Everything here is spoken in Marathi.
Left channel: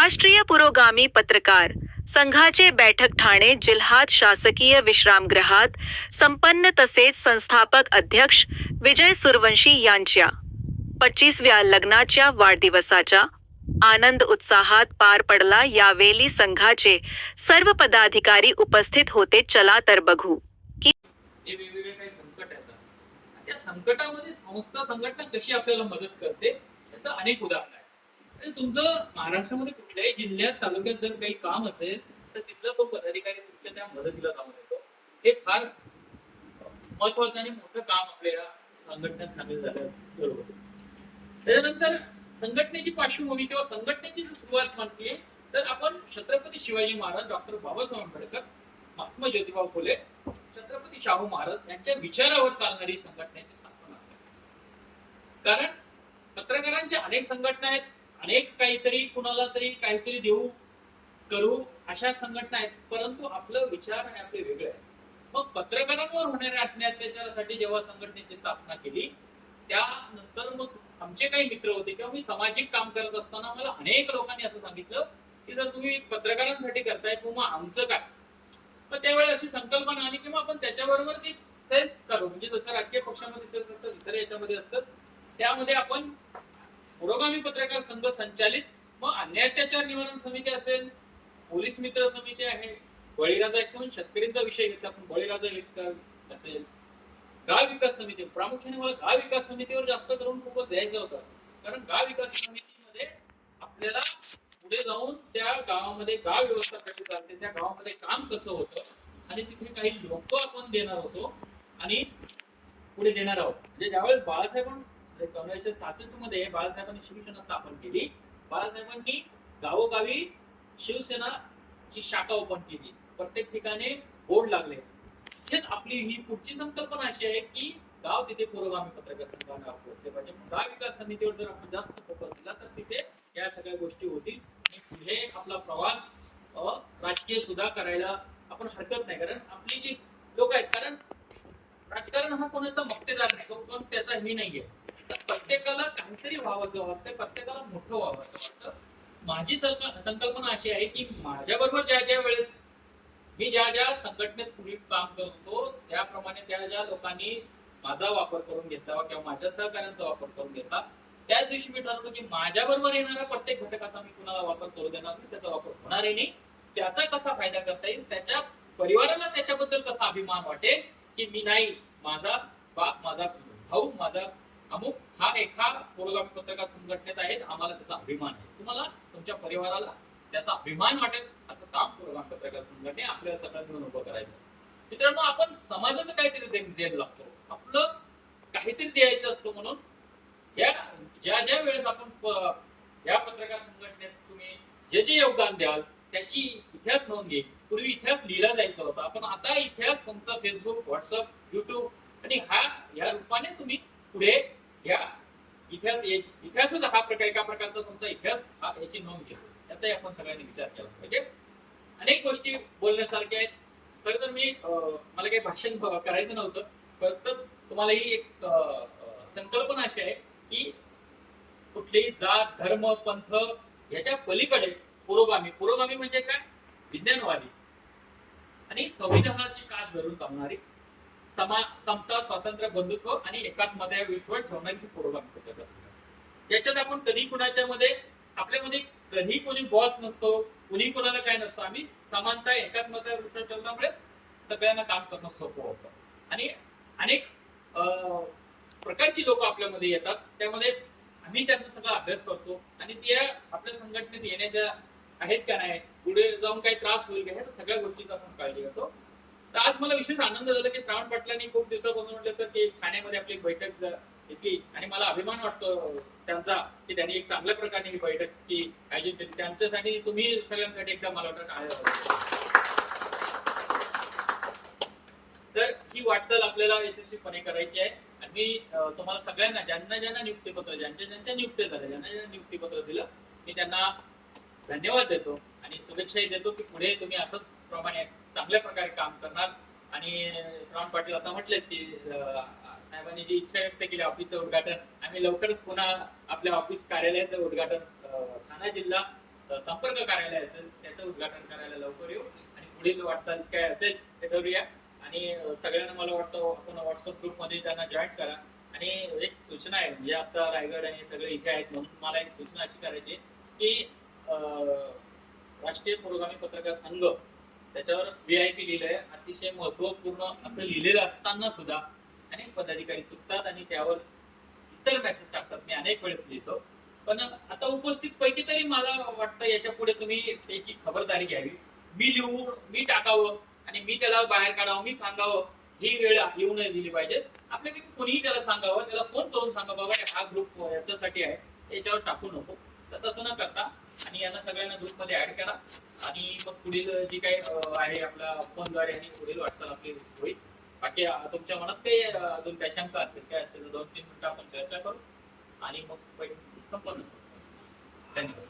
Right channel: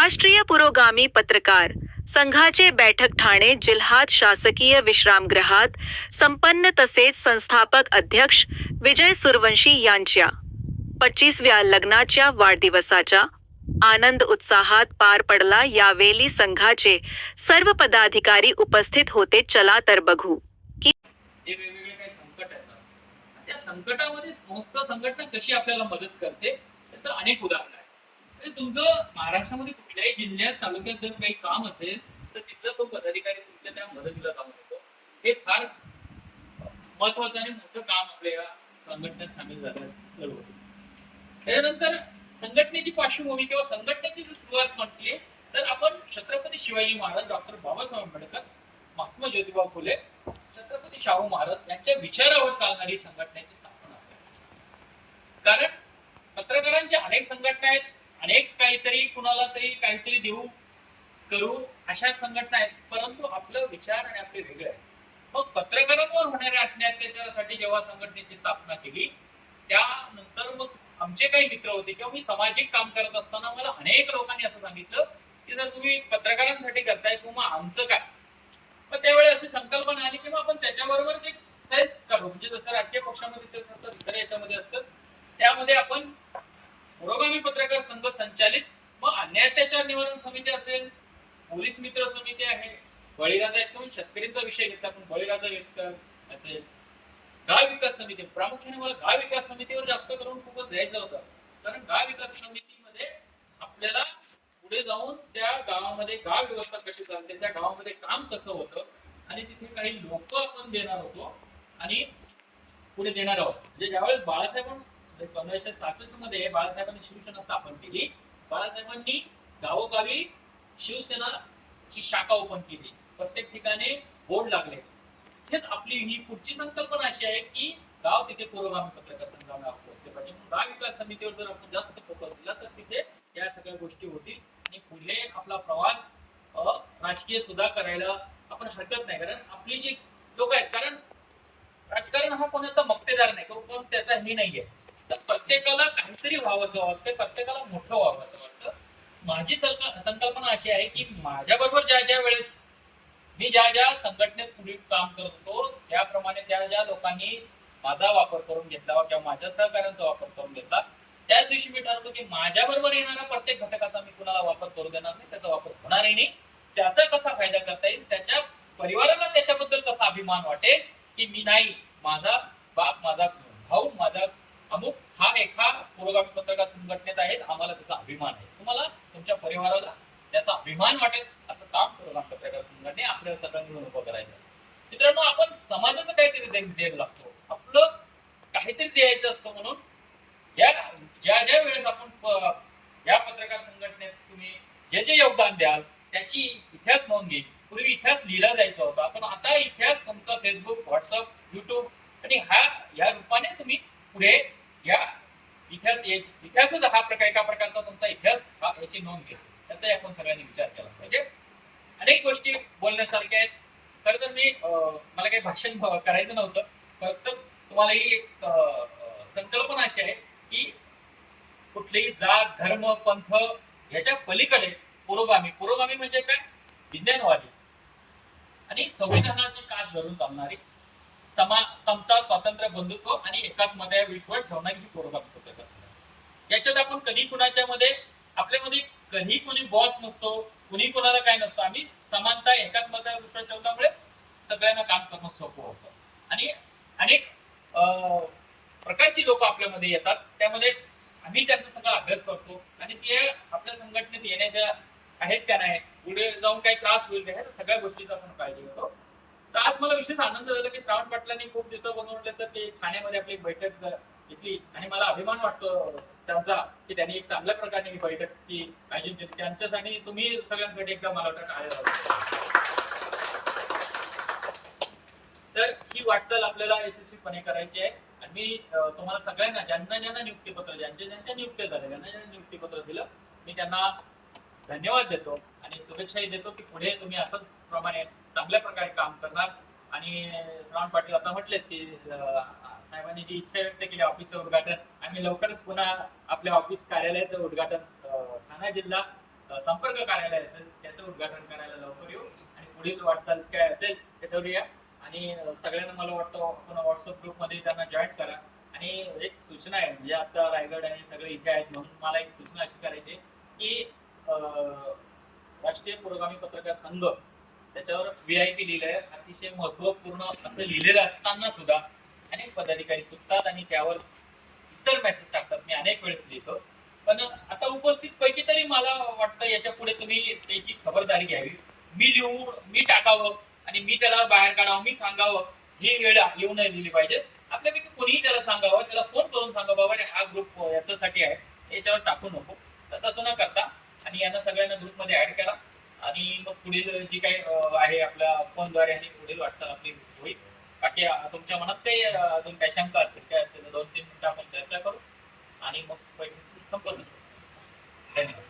राष्ट्रीय पुरोगामी पत्रकार संघाचे बैठक ठाणे जिल्हात शासकीय विश्रामगृहात संपन्न तसेच संस्थापक अध्यक्ष विजय सुरवंशी यांच्या पच्चीसव्या लग्नाच्या वाढदिवसाच्या आनंद उत्साहात पार पडला. यावेळी संघाचे सर्व पदाधिकारी उपस्थित होते. चला तर बघू. की संकटामध्ये संस्था संघटना कशी आपल्याला मदत करते त्याचं अनेक उदाहरण आहे तुमचं महाराष्ट्रामध्ये कुठल्याही जिल्ह्यात तालुक्यात जर काही काम असेल तर तिथला तो पदाधिकारी तुमच्या त्या मदतीला काम येतो. हे फार महत्वाचं आणि मोठं काम आपल्या या संघटनेत सामील झालं त्यानंतर संघटनेची पार्श्वभूमी किंवा संघटनेची जर सुरुवात म्हटली तर आपण छत्रपती शिवाजी महाराज डॉक्टर बाबासाहेब आंबेडकर महात्मा ज्योतिबा फुले छत्रपती शाहू महाराज यांच्या विचारावर चालणारी संघटनेची स्थापना. कारण पत्रकारांच्या अनेक संघटना आहेत अनेक काहीतरी कुणाला तरी काहीतरी देऊ करू अशा संघटना आहेत. परंतु आपलं विचार आणि आपले वेगळे आहे. मग पत्रकारांवर होणाऱ्या अत्याचारासाठी जेव्हा संघटनेची स्थापना केली त्यानंतर मग आमचे काही मित्र होते किंवा मी सामाजिक काम करत असताना मला अनेक लोकांनी असं सांगितलं की जर तुम्ही पत्रकारांसाठी करताय किंवा आमचं काय मग त्यावेळी अशी संकल्पना आली की मग आपण त्याच्याबरोबरच एक सेल्स काढू. म्हणजे जसं राजकीय पक्षामध्ये सेल्स असतात इतर याच्यामध्ये असतात त्यामध्ये आपण पुरोगामी पत्रकार संघ संचालित व अन्याय अत्याचार निवारण समिती असेल पोलीस मित्र समिती आहे बळीराजा एक शेतकरींचा विषय घेतला पण बळीराजा शेतकर असेल. गाव विकास समिती प्रामुख्याने मला गाव विकास समितीवर जास्त करून खूपच द्यायचा होता. कारण गाव विकास समितीमध्ये आपल्याला पुढे जाऊन त्या गावामध्ये गाव व्यवस्था कशी चालते त्या गावामध्ये काम कसं होतं आणि तिथे काही लोक आपण देणार होतो आणि पुढे देणार आहोत. म्हणजे ज्यावेळेस बाळासाहेब पंधराशे सहासष्टमध्ये बाळासाहेबांनी शिवसेना स्थापन केली. बाळासाहेबांनी गावोगावी शिवसेना ची शाखा ओपन केली. प्रत्येक ठिकाणी बोर्ड लागले. हेच आपली ही पुढची संकल्पना अशी आहे की गाव तिथे पुरोगामी पत्रकार संघाला पोहोचले पाहिजे गाव विकास समितीवर जर आपण जास्त फोकस दिला तर तिथे या सगळ्या गोष्टी होतील. आणि पुढे आपला प्रवास राजकीय सुद्धा करायला आपण हरकत नाही. कारण आपली जी लोक आहेत कारण राजकारण हा कोणाचा मक्तेदार नाही. कोण कोण त्याचा हे नाहीये. तर प्रत्येकाला काहीतरी व्हावं असं वाटतं प्रत्येकाला मोठं व्हावं असं वाटतं. माझी संकल्पना अशी आहे की माझ्या बरोबर ज्या ज्या वेळेस मी ज्या ज्या संघटनेत पुढे काम करत होतो त्याप्रमाणे त्या ज्या लोकांनी माझा वापर करून घेतला किंवा माझ्या सहकार्यांचा वापर करून घेतला त्याच दिवशी मी ठरवतो की माझ्या बरोबर येणाऱ्या प्रत्येक घटकाचा मी कुणाला वापर करू देणार नाही त्याचा वापर होणारही नाही. त्याचा कसा फायदा करता येईल त्याच्या परिवाराला त्याच्याबद्दल कसा अभिमान वाटेल की मी नाही माझा बाप माझा भाऊ माझा अमुक हा एका पुरोगामी पत्रकार संघटनेत आहेत आम्हाला त्याचा अभिमान आहे. तुम्हाला तुमच्या परिवाराला त्याचा अभिमान वाटेल असं काम पुरोगामी पत्रकार संघटने आपल्याला सगळ्यांना मिळून उभं करायचं. आहे. मित्रांनो आपण समाजाचं काहीतरी द्यायला लागतो. आपलं काहीतरी द्यायचं असतं म्हणून या ज्या ज्या वेळेस आपण या पत्रकार संघटनेत तुम्ही जे जे योगदान द्याल त्याची इतिहास नोंद घेईल पूर्वी इतिहास लिहिला जायचा होता. पण आता इतिहास तुमचा फेसबुक व्हॉट्सअप युट्यूब आणि हा या रूपाने तुम्ही पुढे या इतिहास याची- इतिहासच हा प्रकार एका प्रकारचा तुमचा इतिहास हा याची नोंद घेतो. त्याचाही आपण सगळ्यांनी विचार केला पाहिजे. अनेक गोष्टी बोलण्यासारख्या आहेत. खरं तर मी अं, मला काही भाषण करायचं नव्हतं. फक्त तुम्हाला ही एक संकल्पना अशी आहे की कुठलीही जात धर्म पंथ याच्या पलीकडे पुरोगामी पुरोगामी म्हणजे काय? विज्ञानवादी. आणि संविधानाची कास धरून चालणारी समा समता स्वातंत्र्य बंधुत्व आणि एकात्मता विश्वास ठेवणारी ही पुरोगामी पद्धत याच्यात आपण कधी कुणाच्या मध्ये आपल्यामध्ये कधी कोणी बॉस नसतो कुणी कोणाला काय नसतो आम्ही समानता एकात्मता विश्वास ठेवल्यामुळे सगळ्यांना काम करणं सोपं होतं. आणि अनेक अं, प्रकारची लोक आपल्यामध्ये येतात त्यामध्ये आम्ही त्यांचा सगळा अभ्यास करतो आणि ते आपल्या संघटनेत येण्याच्या आहेत त्या नाही पुढे जाऊन काही त्रास होईल का ह्या सगळ्या गोष्टीचा आपण काळजी घेतो. तर आज मला विशेष आनंद झाला की श्रावण पाटलांनी खूप दिवसापासून म्हटलं सर की ठाण्यामध्ये आपली बैठक घेतली आणि मला अभिमान वाटतो. त्यांचा की त्यांनी एक चांगल्या प्रकारे ही बैठकची आयोजित केली. त्यांच्यासाठी तुम्ही सगळ्यांसाठी एकदा मला वाटतं काय तर ही वाटचाल आपल्याला यशस्वीपणे करायची आहे. आणि मी तुम्हाला सगळ्यांना ज्यांना ज्यांना नियुक्तीपत्र ज्यांच्या ज्यांच्या नियुक्त्या झाल्या ज्यांना ज्यांना नियुक्तीपत्र दिलं मी त्यांना धन्यवाद देतो आणि शुभेच्छाही देतो की पुढे तुम्ही असंच प्रमाणे चांगल्या प्रकारे काम करणार. आणि श्रावण पाटील आता म्हटलेच की साहेबांनी जी इच्छा व्यक्त केली ऑफिसचं उद्घाटन. आम्ही लवकरच पुन्हा आपल्या ऑफिस कार्यालयाचं उद्घाटन ठाणे जिल्हा संपर्क कार्यालय असेल त्याचं उद्घाटन करायला लवकर येऊ. आणि पुढील वाटचाल काय असेल ते ठरवूया. आणि सगळ्यांना मला वाटतं आपण व्हॉट्सअप ग्रुपमध्ये त्यांना जॉईन करा. आणि एक सूचना आहे म्हणजे आता रायगड आणि सगळे इथे आहेत म्हणून मला एक सूचना अशी करायची की राष्ट्रीय पुरोगामी पत्रकार संघ त्याच्यावर व्ही आय पी लिहिलंय. अतिशय महत्त्वपूर्ण असं लिहिलेलं असताना सुद्धा अनेक पदाधिकारी चुकतात आणि त्यावर इतर मेसेज टाकतात. मी अनेक वेळेस लिहितो. पण आता उपस्थित पैकी तरी मला वाटतं याच्यापुढे तुम्ही त्याची खबरदारी घ्यावी. मी लिहून मी टाकावं आणि मी त्याला बाहेर काढावं मी सांगावं ही वेळ येऊ नये दिली पाहिजे. आपल्यापैकी कोणीही त्याला सांगावं त्याला फोन करून सांगा बाबा हा ग्रुप याच्यासाठी आहे याच्यावर टाकू नको. तर तसं न करता आणि यांना सगळ्यांना ग्रुपमध्ये ऍड करा. आणि मग पुढील जी काही आहे आपल्या फोनद्वारे आणि पुढील वाटचाल आपली होईल. बाकी तुमच्या मनात काही अजून काही शंका असतील काय असतील दोन तीन मिनिटं आपण चर्चा करू आणि मग संपवू धन्यवाद.